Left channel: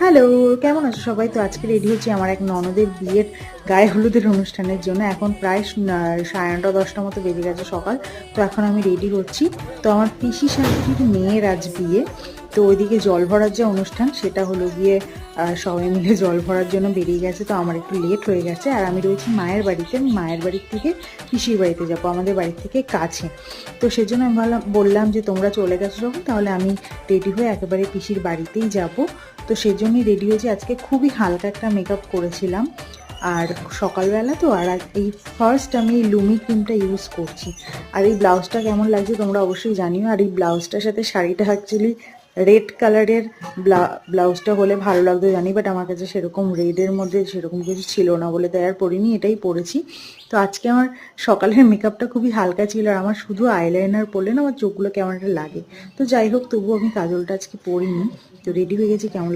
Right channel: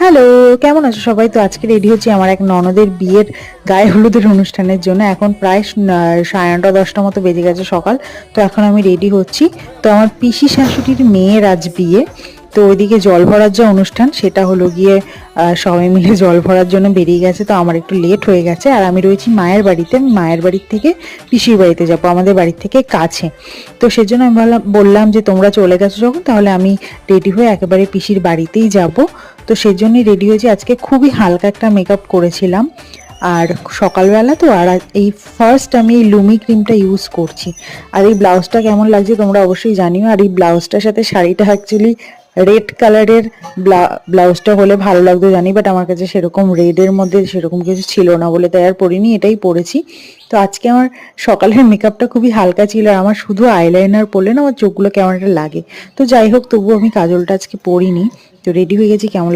Hello, কেমন আছো সবাই? তো আজকে রেডি হচ্ছি আমার এক ননদের বিয়ের গায়ে হলুদের অনুষ্ঠানের জন্য। এখন প্রায় 9:30-10টা মতো বেজে গেছে সকাল। তো এখন আমি রেডি হচ্ছি। তো আমার পিসি শাশুড়ির মেয়ের আজ বিয়ে। তো ওইদিকে জল ভরার যে অনুষ্ঠান সেটা হলো গিয়ে সবাই মিলে জল ভরার জন্য বেরিয়ে গেছে। তো আমার একটু লেট হয়ে গেছে আর আমি রয়েছি মায়ের বাড়িতে। আমি মায়ের বাড়ির থেকে পিসির বাড়িতে যাবো, আমাদের বাড়ির থেকে কাছে। তো সেজন্য আমি বললাম যে তোমরা চলে গেছো যখন তাহলে আমি রেডি হয়ে একেবারে পিসির বাড়িতেই যাব। তো সেজন্যই রেডি হয়েছি। আজকে খুবই হালকা একটা মেকআপ করেছিলাম আর সকালবেলা তো। আর এই ফার্স্ট আমি এই লুমি ক্রিমটা ইউজ করছি। আর এই ব্লাউজটা কেমন লাগছে তোমরা অবশ্যই জানিও। আর এই ব্লাউজটার সাথে শাড়িটা অ্যাকচুয়ালি রেড কালারের ব্লাউজটা হলে ভালো লাগতো জানি, বাট আমার কাছে সেরকম রেডের মধ্যে সেরকম কিছু ছিল না বলে তাই আর পরিনি, এটাই পরেছি। তো আজকে আমার সকালের মেকআপটা খুবই হালকা ছিল আর আমার শুধু আইলাইনার পরলে না আমার চোখগুলো কেমন একটা লাগে। তো যাই হোক, তবুও আমি কাজলটা আজকে পরিনি। তো রেডি হয়ে গেছি। কেমন